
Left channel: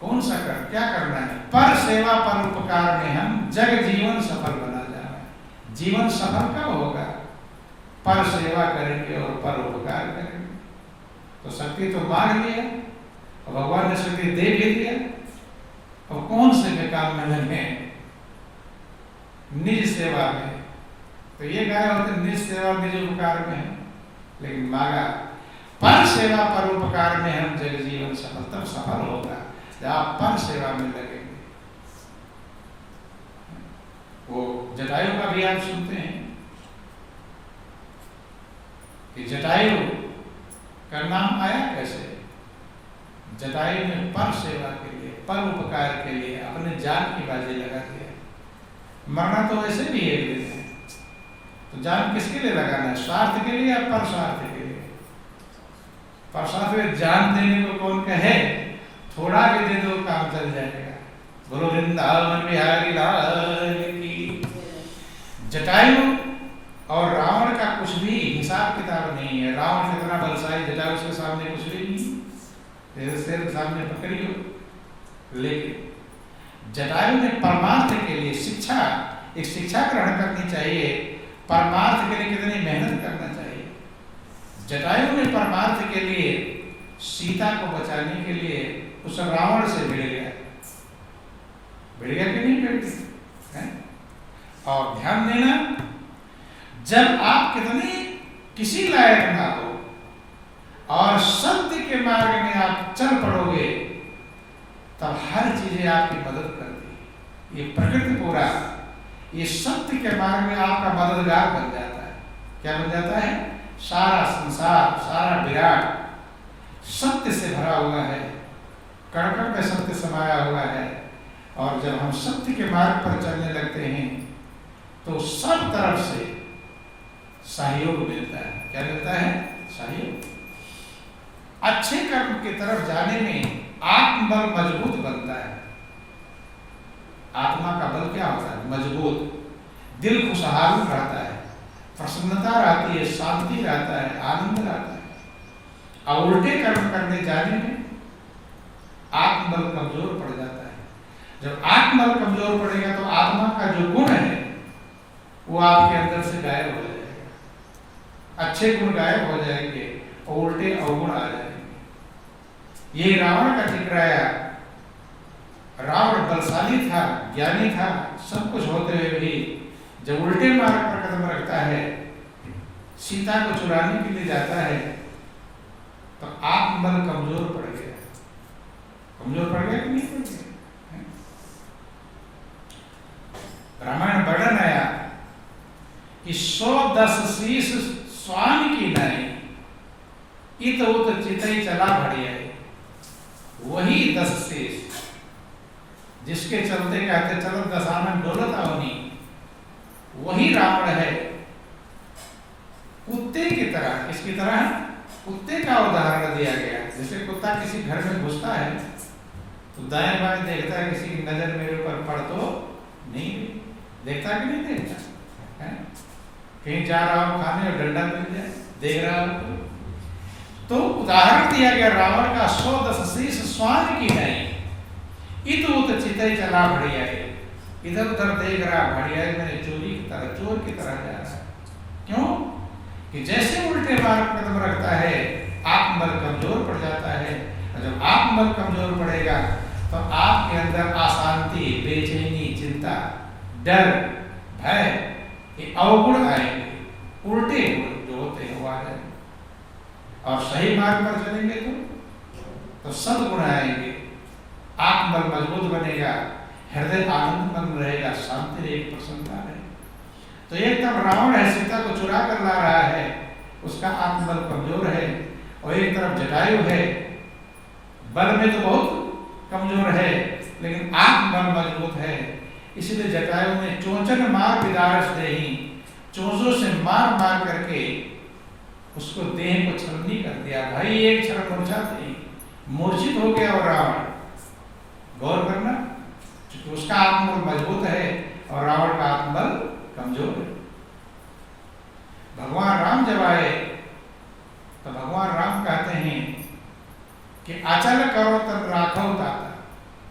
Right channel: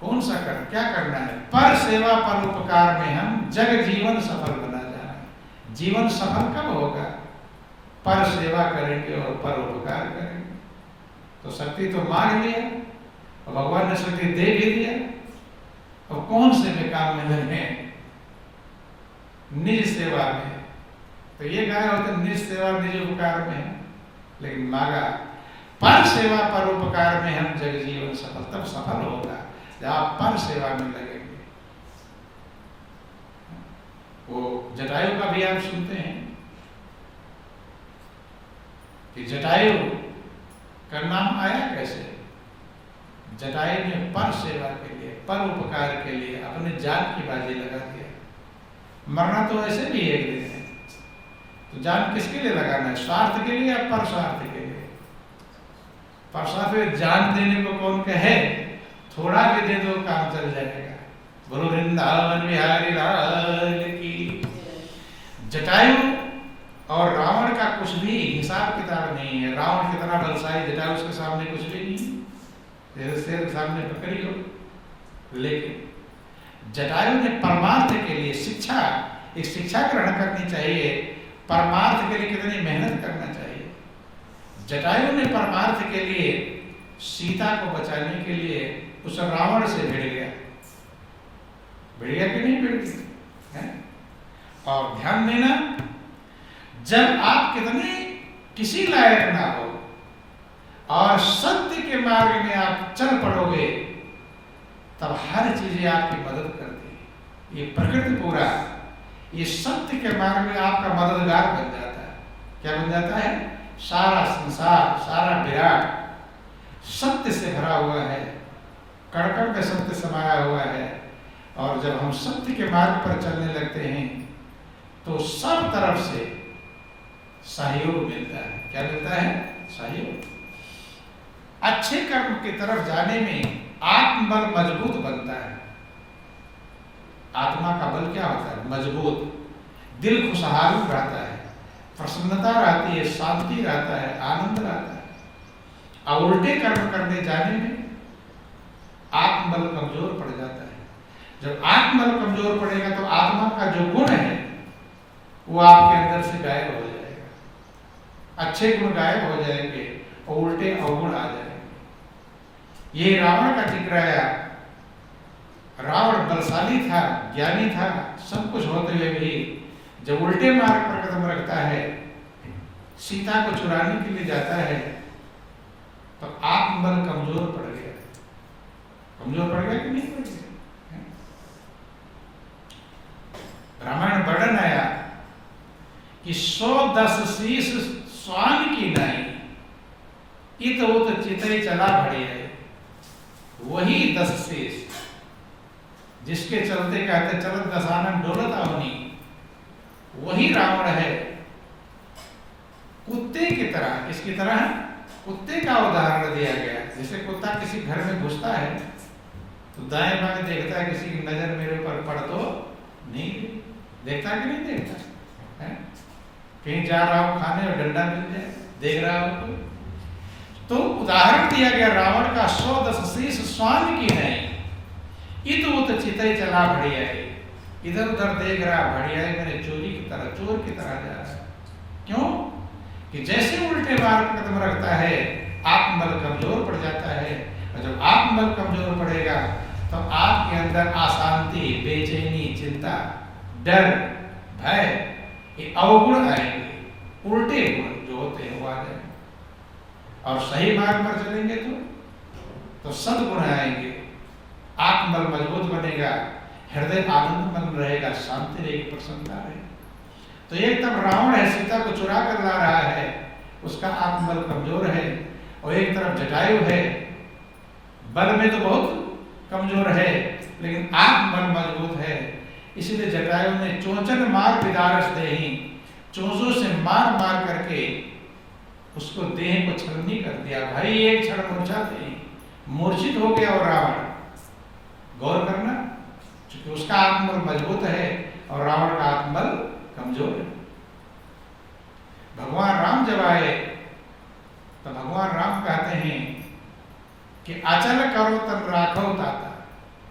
कौन सा कर, क्या करना है? पर सेवा पर उपकार में हम जग जीवन सफल बना जाए। जीवन सफल कब होगा? पर सेवा करेंगे और पर उपकार करेंगे। तो शक्ति तो मांग लिया और भगवान ने शक्ति दे भी दिया, अब कौन से में काम में लगे? निज सेवा में। तो ये गाय होते निज सेवा निज उपकार में है, लेकिन मांगा पर सेवा पर उपकार में हम जग जीवन सफल, तब सफल होगा जब आप पर सेवा में लगेंगे। वो जटायु का भी आप सुनते हैं कि जटायु का नाम आया कैसे? जटायु ने पर सेवा के लिए, पर उपकार के लिए अपने जान की बाजी लगा दिया। मरना तो ऐसे भी एक दिन है, तो जान किसके लिए लगाना है? स्वार्थ के लिए या पर स्वार्थ के लिए? पर स्वार्थ में जान देने को कौन कहे? थोड़ा भी दे दो काम चल जाएगा। बोलो वृंदावन बिहारी लाल की। जटायु और रावण का कुछ भी हिसाब किताब नहीं है। रावण कितना बलशाली, जटायु उसके सामने कुछ भी नहीं। शेर सामने पकड़ी हो, लेकिन जटायु ने परमार्थ के लिए शिक्षा, एक शिक्षा ग्रहण करनी चाहिए। परमार्थ के लिए कितनी मेहनत करना चाहिए। जटायु ने परमार्थ के लिए सीता को बचाने के लिए उस रावण से भिड़ गया। भिड़ गया कि नहीं भिड़ गया? और ध्यान देना, जब आप कितने किसी लायक ना हो और सत्य के मार्ग में आप चल पड़ोगे, तब हर चीजें आपकी मदद करती है। ये प्रकृति पूरा, ये सत्य के मार्ग में आपका मददगार बन जाता है। क्या बन जाता है? सारा संसार, सारा विराट सत्य से भरा हुआ है, कण-कण में सत्य समाया हुआ है। और जब हम सत्य के मार्ग पर चलने लगते हैं तो सब तरफ से सहयोग मिलता है। क्या मिलता है? सहयोग। अच्छे कर्म की तरफ जाने में आत्मबल मजबूत बनता है। आत्मा का बल क्या होता है? मजबूत। दिल खुशहाल रहता है, प्रसन्नता रहती है, शांति रहता है, आनंद रहता है। अब उल्टे कर्म करने जाने में आत्मबल कमजोर पड़ जाता है। जब आत्मबल कमजोर पड़ेगा तो आत्मा का जो गुण है वो आपके अंदर से गायब हो जाएगा। अच्छे गुण गायब हो जाएंगे और उल्टे अवगुण आ जाएंगे। ये रावण का जिक्र। रावण बलशाली था, ज्ञानी था, सब कुछ होते हुए भी जब उल्टे मार्ग पर कदम रखता है, सीता को चुराने के लिए जाता है, तो आत्मबल कमजोर पड़ गया। कमजोर पड़ गया कि नहीं पड़ गया? रामायण वर्णन आया कि 110 शीश स्वामी की नाई, इत उत चितई चला भड़ी है। वही 10 शीश जिसके चलते कहते चलो दशानन डोलत आवनी, वही रावण है। कुत्ते की तरह, किसकी तरह? कुत्ते का उदाहरण दिया गया। जैसे कुत्ता किसी घर में घुसता है तो दाएं बाएं देखता है, किसी की नजर मेरे ऊपर पड़ तो नहीं, देखता कि नहीं देखता है? कहीं जा रहा हो खाने और डंडा मिल जाए, देख रहा हो तो उदाहरण दिया गया रावण का। 110 शीश स्वान की नहीं, इत उत चितई चला भड़िया। इधर उधर देख रहा, भड़िया मैंने चोरी की तरह, चोर की तरह जा रहा है। क्यों? कि जैसे उल्टे मार्ग कदम रखता है आत्मबल कमजोर पड़ जाता है। और जब आत्मबल कमजोर पड़ेगा तो आपके अंदर अशांति, बेचैनी, चिंता, डर, भय, ये अवगुण आएंगे। उल्टे गुण जो होते हैं वो आ जाएंगे। और सही मार्ग पर चलेंगे तो सद्गुण आएंगे, आत्मबल मजबूत बनेगा, हृदय आनंदमन रहेगा, शांति रहेगी, प्रसन्नता रहेगी। तो एक तरफ रावण है, सीता को चुरा कर ला रहा है, उसका आत्मबल कमजोर है। और एक तरफ जटायु है, बल में तो बहुत कमजोर है लेकिन आत्मबल मजबूत है। इसलिए जटायु ने चोंचन मार विदारस देही, चोंचों से मार मार करके उसको देह को छलनी कर दिया। भाई एक क्षण मूर्छित हो गया और रावण। गौर करना, क्योंकि उसका आत्मबल मजबूत है और रावण का आत्मबल कमजोर है। भगवान राम जब आए तो भगवान राम कहते हैं कि अचल करो तब राखो ताता।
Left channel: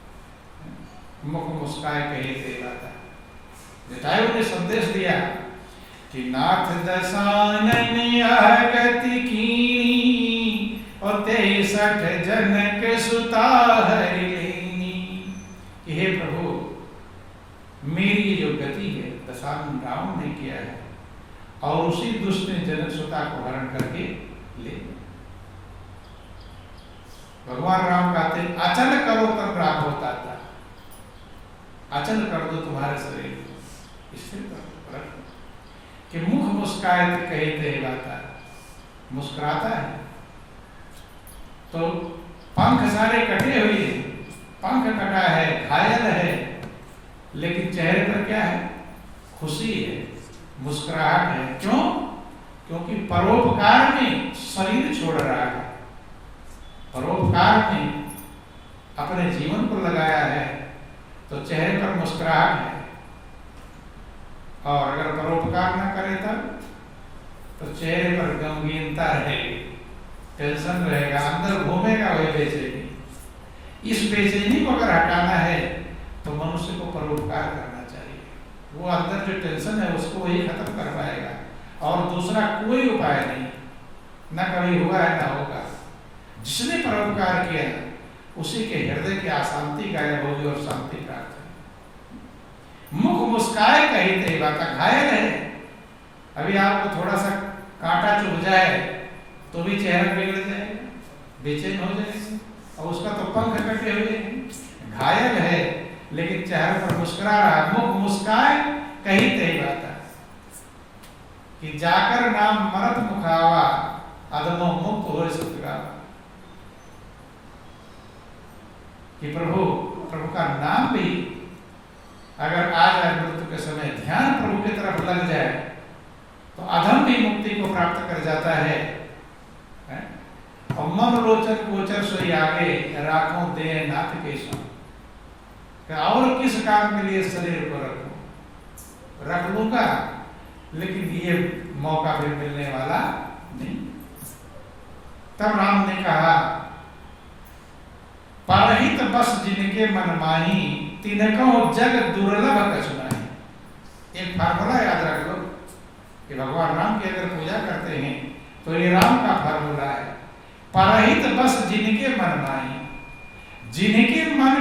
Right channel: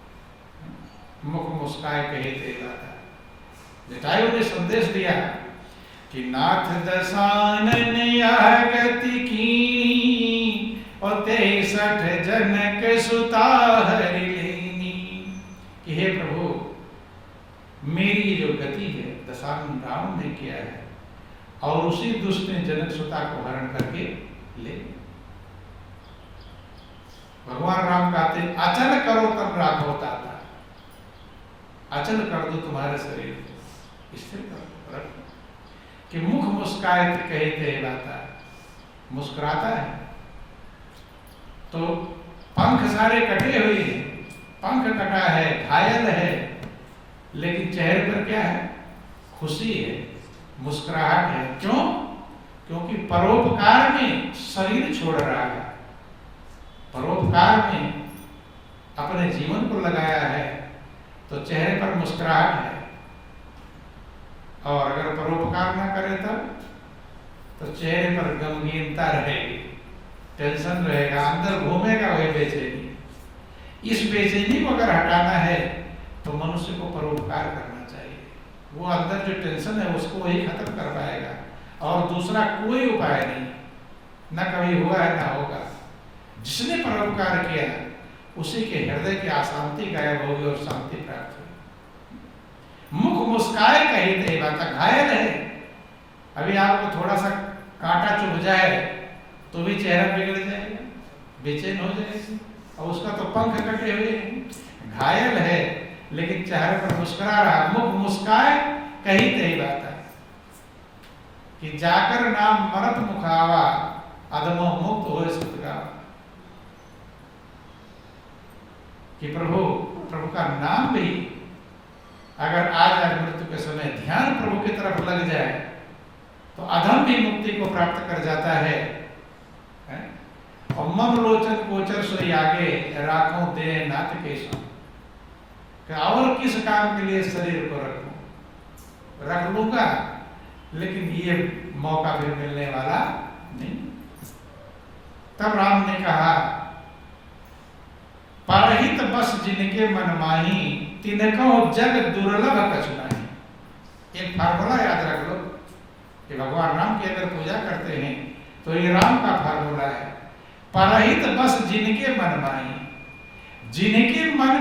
मुख मुस्काए कहे ते लाता। जटायु ने संदेश दिया कि नाथ दसानन यह गति कीनी और 63 जनक सुता हरि लेनी। कि हे प्रभु, मेरी जो गति है दशानन रावण ने किया है और उसी दुष्ट ने जनक सुता को हरण करके ले। भगवान राम कहते अचल करो तब राम होता था। अचल कर दो तुम्हारे शरीर को, स्थिर कर रखो। कि मुख मुस्काए तो कहे ते लाता, मुस्कुराता है तो पंख सारे कटे हुए हैं, पंख कटा है, घायल है, लेकिन चेहरे पर क्या है? खुशी है, मुस्कुराहट है। क्यों? क्योंकि परोपकार में शरीर छोड़ रहा है, परोपकार में अपने जीवन को लगाया है, तो चेहरे पर मुस्कुराहट है। और अगर परोपकार न करे तब तो चेहरे पर गमगीनता रहेगी, टेंशन रहेगा, अंदर घूमेगा वही बेचैनी। इस बेचैनी को अगर हटाना है तो मनुष्य को परोपकार करना चाहिए। वो अंदर जो टेंशन है उसको वही खत्म कर पाएगा, और दूसरा कोई उपाय नहीं, न कभी हुआ है न होगा। जिसने परोपकार किया उसी के हृदय की अशांति गायब होगी और शांति प्राप्त होगी। मुख मुस्काए कही ते बात, घायल है। अभी आपको थोड़ा सा कांटा चुभ जाए तो भी चेहरा बिगड़ जाएगा, बेचैन हो जाएगा, और उसका तो पंख कटे हुए हैं, घायल है, लेकिन चेहरे पर मुस्कुरा रहा। मुख मुस्काए कही ते बात, कि जाकर नाम मरत मुखावा, अधमो मुक्त हो सुतगावा। कि प्रभु का नाम भी अगर आ जाए मृत्यु के समय, ध्यान प्रभु की तरफ लग जाए तो अधम भी मुक्ति को प्राप्त कर जाता है। और मम लोचन गोचर सोई आगे, राखों दे नाथ के संग। और किस काम के लिए शरीर को रखूं? रख लूंगा, लेकिन ये मौका फिर मिलने वाला नहीं। तब राम ने कहा, परहित बस जिनके मन माही, तिनको जग दुर्लभ कछुनाही। एक फार्मूला याद रख लो कि भगवान राम की अगर पूजा करते हैं तो ये राम का फार्मूला है। परहित बस जिनके मन माही, जिनके मन